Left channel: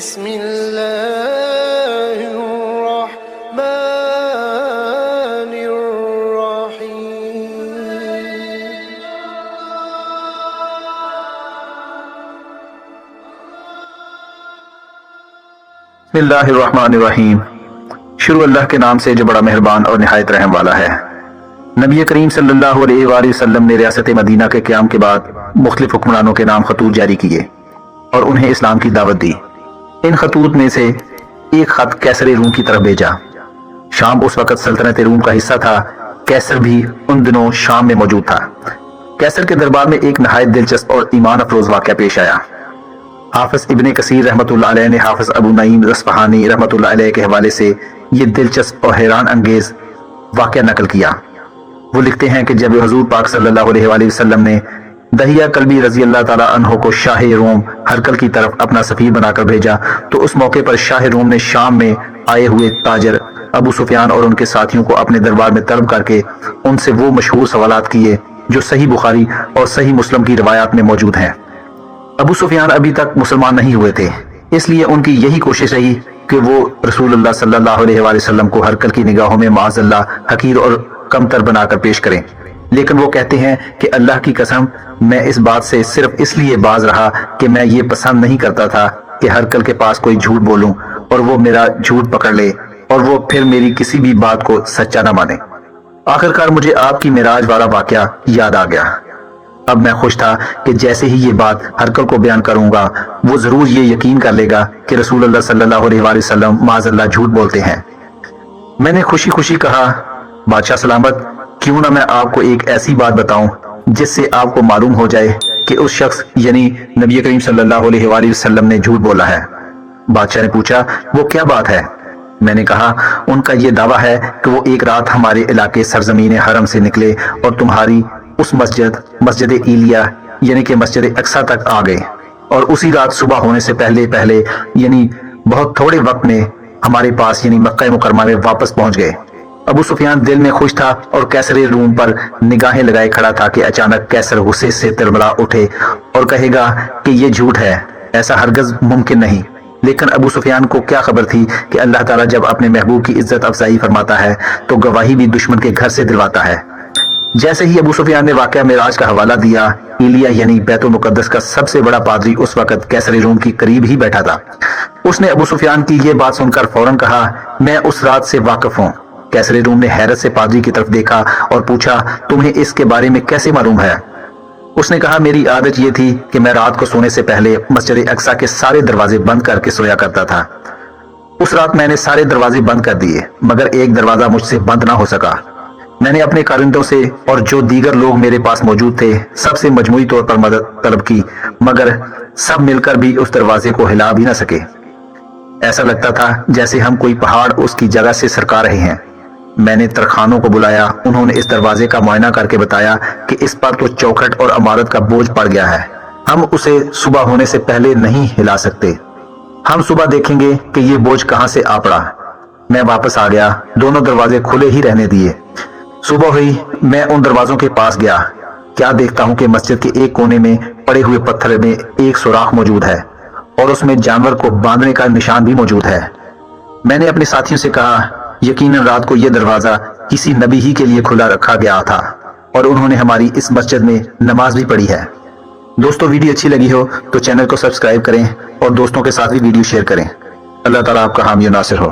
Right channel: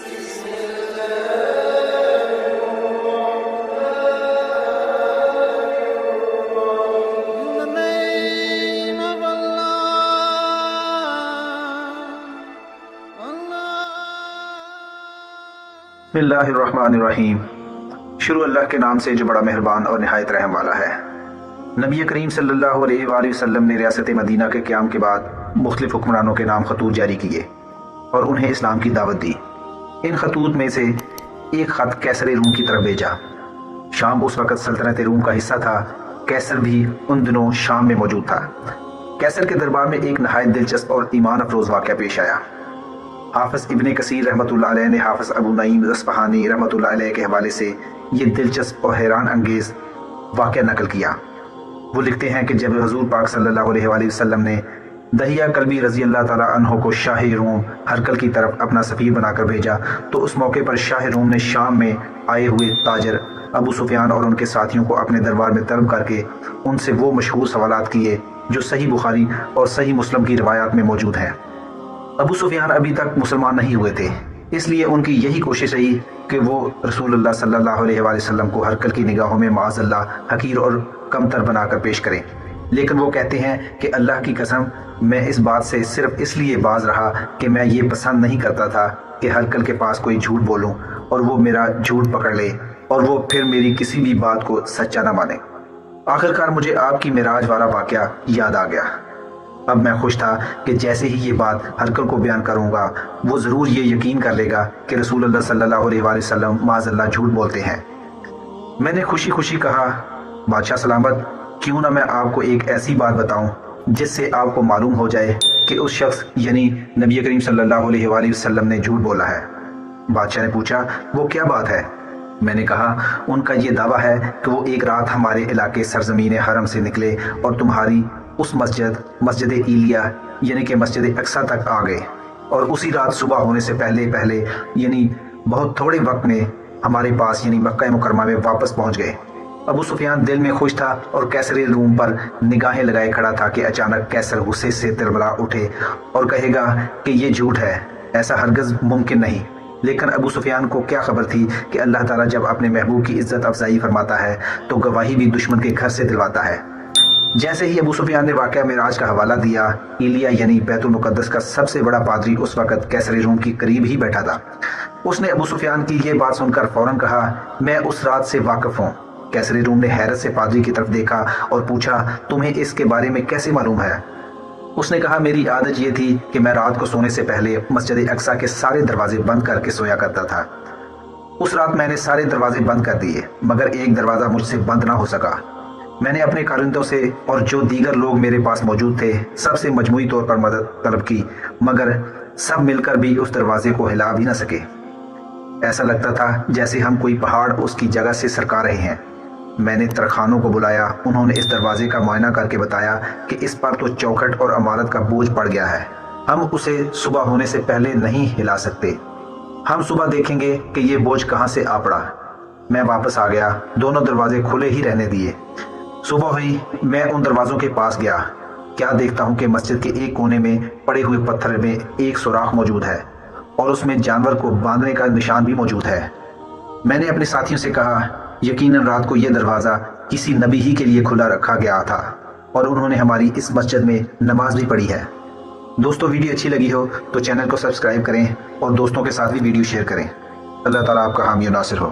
بسم الله الرحمن الرحيم. بسم اللہ الرحمن الرحیم. شروع اللہ کے نام سے جو بڑا مہربان اور نہایت رحم والا ہے. نبی کریم صلی اللہ علیہ وآلہ وسلم نے ریاست مدینہ کے قیام کے بعد مختلف حکمرانوں کے نام خطوط جاری کیے اور انہیں اسلام کی دعوت دی. ان خطوط میں سے ایک خط کیسر روم کی طرف بھیجا. شام اس وقت سلطنت روم کا حصہ تھا. کیسر بھی ان دنوں شام میں موجود تھا. کیسر کے دربار میں ایک نہایت دلچسپ اور ایمان افروز واقعہ پیش آیا. حافظ ابن کثیر رحمۃ اللہ علیہ نے حافظ ابو نعیم اصفہانی رحمۃ اللہ علیہ کے حوالے سے یہ دلچسپ اور حیران انگیز واقعہ نقل کیا. وہ لکھتے ہیں کہ جب حضور پاک صلی اللہ علیہ وآلہ وسلم نے دہیہ کلبی رضی اللہ تعالیٰ عنہ کو شاہ روم ہرکل کی طرف اپنا سفیر بنا کر بھیجا تو اس موقع پر شاہ روم نے شام میں آئے ہوئے تاجر ابو سفیان اور ان کے ساتھیوں کو اپنے دربار میں طلب کر کے ان سے وہ مشہور سوالات کیے جو صحیح بخاری اور صحیح مسلم کی روایات میں موجود ہیں. ابو سفیان ابھی تک مسلمان نہیں ہوئے تھے، اس لیے ان کی یہی کوشش رہی کہ وہ رسول اللہ صلی اللہ علیہ وآلہ وسلم کو ہرکل کی نگاہوں میں معاذ اللہ حقیر اور کمتر بنا کر پیش کریں. لیکن وہ کہتے ہیں کہ اللہ کی قسم میں اس بات سے صرف اس لیے باز رہا کہ میں یہ پسند نہیں کرتا تھا کہ ہرکل کے پاس کوئی جھوٹ بولوں اور وہ میرا جھوٹ پکڑ لے اور وہ پھر میری کسی بھی بات کو سچا نہ مانے. آخرکار مجھے آپ کی معراج والا واقعہ یاد آ گیا. اب میں خوش تھا کہ جیسے ہی یہ بات ہرکل کو بیان کروں گا وہ ضرور یہ یقین کر لے گا کہ رسول اللہ صلی اللہ علیہ وآلہ وسلم معاذ اللہ جھوٹ بولتے ہیں. میں نے خوشی خوشی کہا بادشاہ سلامت، کیوں نہ میں آپ کو ایک ایسی بات بتاؤں جس سے آپ کو معلوم ہو جائے کہ اس شخص یعنی نبی کریم صلی اللہ علیہ وآلہ وسلم نے جھوٹ بولا ہے. بادشاہ نے پوچھا وہ کیا بات ہے؟ میں نے کہا ان کا یہ دعویٰ ہے کہ وہ ایک رات ہمارے علاقے سرزمین حرم سے نکلے اور تمہاری اس مسجد ایلیا یعنی کہ مسجد اقصی تک آ گئے اور اسی رات صبح ہونے سے پہلے یعنی بہت تھوڑے وقت میں ہمارے پاس یعنی مکہ مکرمہ میں واپس پہنچ گئے. ابو سفیان دل میں خوش تھا اور کیسر روم پر نگاہیں لگائے کھڑا تھا کہ اچانک کیسر غصے سے تڑبڑا اٹھے اور کہے گا کہ یہ جھوٹ ہے، ایسا ہرگز ممکن نہیں. لیکن ابو سفیان کو کیا خبر تھی کہ اللہ تعالیٰ جب اپنے محبوب کی عزت افزائی فرماتا ہے تو گواہی بھی دشمن کے گھر سے دلواتا ہے. جیسے ہی ابو سفیان نے واقعہ معراج کا حوالہ دیا، ایلیا یعنی بیت المقدس کا سب سے بڑا پادری اس وقت کیسر روم کی قریب ہی بیٹھا تھا. اس نے ابو سفیان کی یہ بات سن کر فوراً کہا میں اس رات سے واقف ہوں. کیسر روم نے حیرت سے پادری کی طرف دیکھا اور پوچھا تمہیں اس کے بارے میں کیسے معلوم ہے؟ اس نے کہا میری عادت یہ تھی کہ میں رات کو سونے سے پہلے مسجد اقصی کے سارے دروازے بند کر کے سویا کرتا تھا. اس رات میں نے سارے دروازے بند کر دیے مگر ایک دروازہ مجھ سے بند نہ ہو سکا. میں نے اپنے کارندوں سے اور جو دیگر لوگ میرے پاس موجود تھے سب سے مجموعی طور پر مدد طلب کی مگر سب مل کر بھی اس دروازے کو ہلا بھی نہ سکے. ایسا لگتا تھا جیسے ہم کوئی پہاڑ اس کی جگہ سے سرکا رہے ہیں. میں نے ترخانوں کو بلایا، انہوں نے اس دروازے کا معائنہ کر کے بتایا کہ اس پر تو چوکھٹ اور عمارت کا بوجھ پڑ گیا ہے، ہم اسے صبح ہونے سے پہلے نہیں ہلا سکتے. ہم صبح دیکھیں گے کہ یہ بوجھ کہاں سے آ پڑا. میں واپس آ گیا، دونوں دروازے کھلے ہی رہنے دیے. صبح ہوئی، میں ان دروازوں کے پاس گیا. کیا دیکھتا ہوں کہ مسجد کے ایک کونے میں پڑے ہوئے پتھر میں ایک سوراخ موجود ہے اور اس میں جانور کو باندھنے کا نشان بھی موجود ہے. میں نے اپنے ساتھیوں سے کہا یقیناً رات کو یہ دروازہ کسی نبی ہی کے لیے کھلا رکھا گیا تھا اور انہوں نے ہماری اس مسجد میں نماز بھی پڑھی ہے. دوستو ویڈیو اچھی لگی ہو تو چینل کو سبسکرائب کریں اور دوستوں کے ساتھ بھی ویڈیو شیئر کریں. اللہ تعالیٰ آپ کا حامی و ناصر ہو.